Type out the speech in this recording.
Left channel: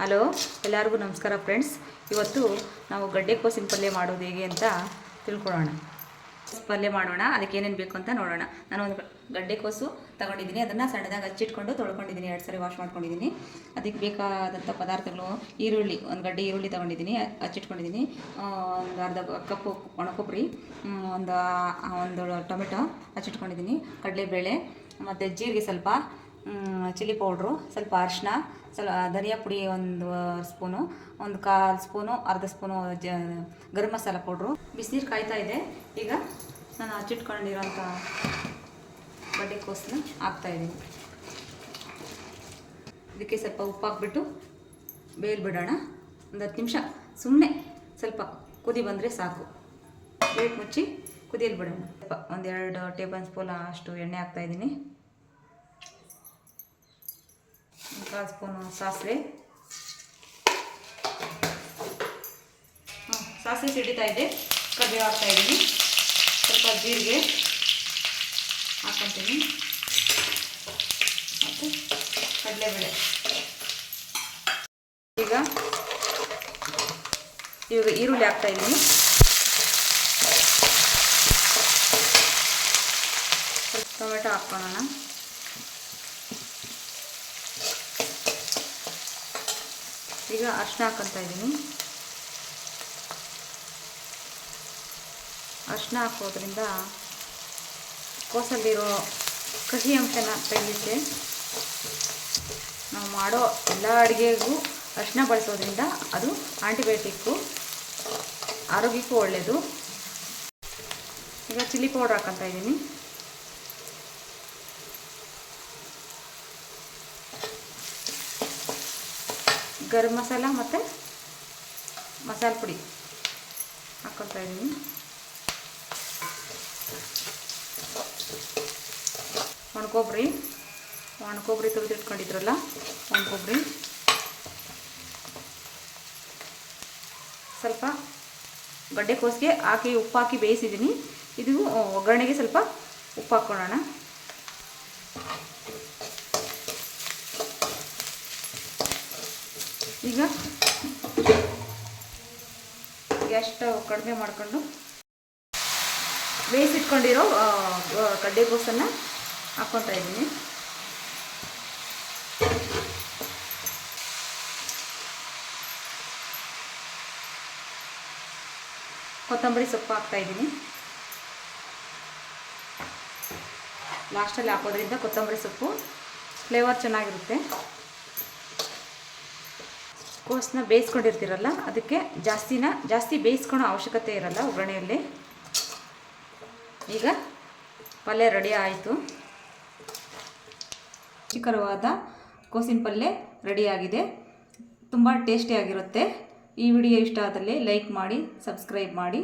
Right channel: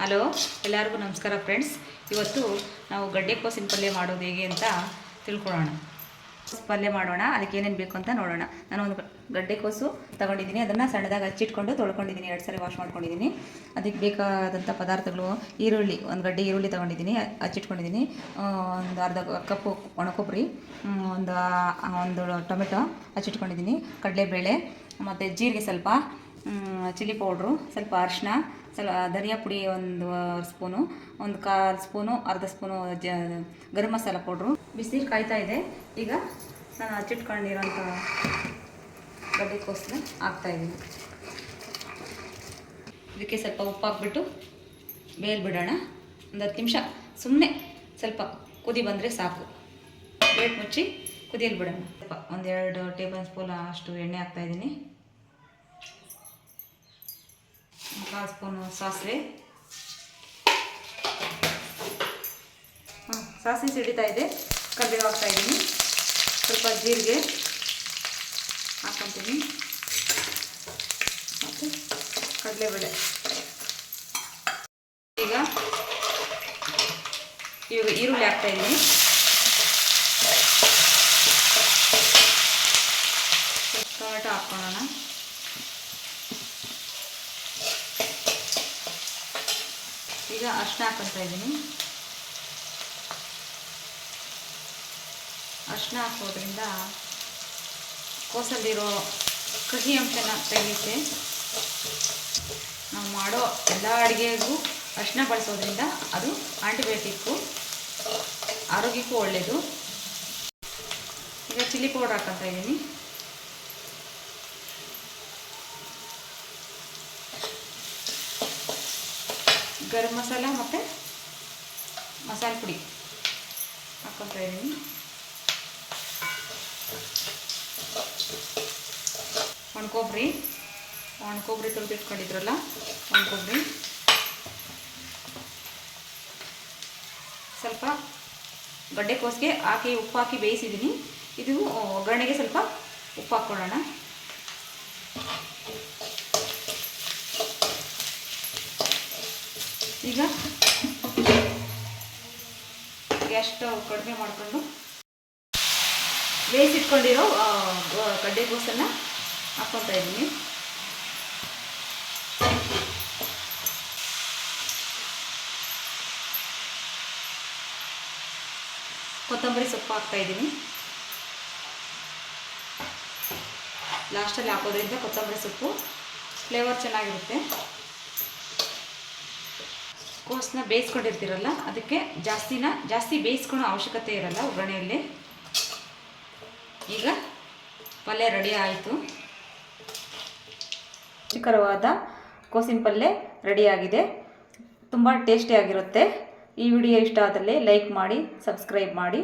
Hello, ಎಲ್ಲರಿಗೂ ನಮಸ್ಕಾರ friends. ಇವತ್ತು ನಾವು ಗಡ್ಡೆಕೋಸಿನ ಪಲ್ಯ ಮಾಡೋದು ಹೇಗೆ ಅಂತ ತಿಳ್ಕೊಳ್ಳೋಣ. ಪಲ್ಯ ಮಾಡೋಣ, ಅದಕ್ಕೆ ಏನೇನು ಬೇಕು ಅಂತ ನೋಡೋಣ. ನಾನು ಒಂದು ಗಡ್ಡೆಕೋಸು ತಗೊಂಡಿದ್ದೀನಿ. ಅದನ್ನು ಸಣ್ಣದಾಗಿ ಹಚ್ಚಿಟ್ಕೊಂಡು ತೊಳ್ಕೊಂಡಿದ್ದೀನಿ. ಎರಡು ಸಾರಿ ವಾಶ್ ಮಾಡ್ಕೊಂಡಿದ್ದೀನಿ. ಅದಕ್ಕೆ ಬೇಕಾದಂಥ ಪದಾರ್ಥಗಳು, ಈರುಳ್ಳಿ, ಒಂದು ಗಡ್ಡೆ ಈರುಳ್ಳಿ ತೊಗೊಂಡಿದ್ದೀನಿ, ಹಚ್ಚಿಟ್ಕೊಂಡಿದ್ದೀನಿ. ಒಂದು ಅರ್ಧ ಕಪ್ಪು ಒಣಕೊಬ್ಬರಿ ಒಂದು ಒಂದು ಟೊಮೆಟೊ ಹಚ್ಚಿಟ್ಕೊಂಡಿದ್ದೀನಿ. ಕಡಲೆಬೇಳೆ, ಮತ್ತು ಜೀರಿಗೆ ಸ್ವಲ್ಪ. ಚಿಲ್ಲಿ ಪೌಡ್ರು, ಸ್ವಲ್ಪ ಅರಿಶಿನ ಸ್ವಲ್ಪ ಧನಿಯಾ ಪುಡಿ ಒಂದು ಸ್ಪೂನು, ಒಂದು ಕಾಲು ಸ್ಪೂನು, ಅರ್ಧ ಸ್ಪೂನು ಜ, ಗರಂ ಮಸಾಲ ಪೌಡ್ರು. ಬಿಸಿನೀರು ಕಾಯ್ತಾ ಇದೆ. ಈಗ ನಾನು ಹಚ್ಚಿಟ್ಕೊಂಡಿರೋಂಥ ಹಾಕ್ತಾ ಹಾಕ್ತಾಯಿದ್ದೀನಿ ಇದಕ್ಕೆ ಸ್ವಲ್ಪ ಉಪ್ಪು ಹಾಕ್ಬಿಟ್ಟು ಬೇಲ್ ಬಿಡೋಣ ಒಂದು ಹತ್ತು ನಿಮಿಷ ಸುಮ್ಮನೆ ಸ್ವಲ್ಪ ಕುದಿ ಬಂದರೆ ಸಾಕು. ಪ್ಲೇಟ್ ಮುಚ್ಚಿ ಕುದಿಯಲ್ಲಿ ಬಿಡೋಣ ಸ್ವಲ್ಪ ಒಂದೆರಡು ಟೇಬಲ್ ಸ್ಪೂನ್ ಅಷ್ಟು ಎಣ್ಣೆ ಹಾಕ್ತಾಯಿದ್ದೀನಿ ಕಾಲು ಸ್ಪೂನು ಸಾಸಿವೆ ಸಾಸಿವೆ ಸಿಡಿತಾ ಇದೆ ಕರಿಬೇವು ಹಾಕ್ತಾ ಇದ್ದೀನಿ ಸ್ವಲ್ಪ ಜೀರಿಗೆ ಹಾಕ್ಕೊತೀನಿ ಮತ್ತು ಕಡಲೆಬೇಳೆ ಈಗ ಇವಾಗ ಈರುಳ್ಳಿ ಹಾಕ್ತಾ ಇದ್ದೀನಿ ಟೊಮೆಟೊ ಹಾಕ್ಕೊಳ್ಳೋಣ ಈಗ ಅರ್ಶಿನ ಹಾಕೊತಾ ಇದ್ದೀನಿ. ಅರ್ಶಿನ ಹಾಕೋದ್ರಿಂದ ಕೋಸಲ್ಲಿರೋ ಕಹಿ ಅಂಶನ ತೆಗೆಯುತ್ತೆ. ನಾವು ಮಾಡೋ ಎಲ್ಲ ಅಡುಗೆಗೂ ಅರ್ಶಿನ ಬಳಸೋದ್ರಿಂದ ಅದು ಆಂಟಿಬಯೋಟಿಕ್ಕು ಆರೋಗ್ಯಕ್ಕೂ ಒಳ್ಳೆಯದು ಈಗ ಚಿಲ್ಲಿ ಪೌಡರ್ ಹಾಕೊತಾ ಇದ್ದೀನಿ. ಗರಂ ಮಸಾಲ ಮತ್ತು ಮಸಾಲೆ ಪುಡಿ ಹಾಕ್ಕೊತಾ ಇದ್ದೀನಿ. ಒಣಕೊಬ್ಬರಿ ಒಣಕೊಬ್ಬರಿ ತುಳಿದಿಟ್ಕೊಂಡಿದ್ರಲ್ಲ ಒಣಕೊಬ್ಬರಿ ಸ್ವಲ್ಪ ಗಡ್ಡೆಕೋಸಿಗೆ ಹಾಕಿ ಉಪ್ಪು ಹಾಕಿ ಬೇಯಿಸಿದ್ದೀನಿ. ಇದು ಒಗ್ಗರಣೆಗೆ ಸ್ವಲ್ಪ ಉಪ್ಪು ಹಾಕ್ಕೊಳ್ಳೋಣ ಈಗ ಗ್ಯಾಸ್ ಸ್ಟವ್ ಕಡಿಮೆ ಮಾಡಿಕೊಂಡು ಬೇಯಿಸಿಟ್ಕೊಂಡಿರೋ ಕಡ್ಡೆ ಗಡ್ಡೆಕೋಸನ್ನು ಹಾಕ್ಕೊತಾ ಇದ್ದೀನಿ. ಕೊತ್ತಂಬರಿ ಸೊಪ್ಪು ಹಾಕ್ತಾ ಇದ್ದೀನಿ. ಲಾಸ್ಟಲ್ಲಿ ಹಾಕೋದ್ರಿಂದ ಕೊತ್ತಂಬರಿ ಸೊಪ್ಪು ಫ್ಲೇವರ್ ಚೆನ್ನಾಗಿರುತ್ತೆ. ಕೋಸನ್ನ ಬೇಯಿಸ್ಕೊಂಡಿರ್ತೀರಲ್ಲ, ಅದಕ್ಕೆ ಜಾಸ್ತಿನ, ಜಾಸ್ತಿ ಬೇಯಿಸ್ಕೊಳೋ ಅವಶ್ಯಕತೆ ಇರಲ್ಲ ಒಗ್ಗರಣೆಯಲ್ಲಿ. ಈಗ ಪಲ್ಯ ರೆಡಿ ಆಯಿತು. ರುಚಿಕರವಾದ ಕೋಸಿನ ಪಲ್ಯ ರೆಡಿಯಾಗಿದೆ ತುಂಬ ಟೇಸ್ಟಿಯಾಗಿರುತ್ತೆ ಈ ವಿಡಿಯೋ ಇಷ್ಟ ಆದಲ್ಲಿ ಲೈಕ್ ಮಾಡಿ ಸಬ್ಸ್ಕ್ರೈಬ್ ಮಾಡಿ.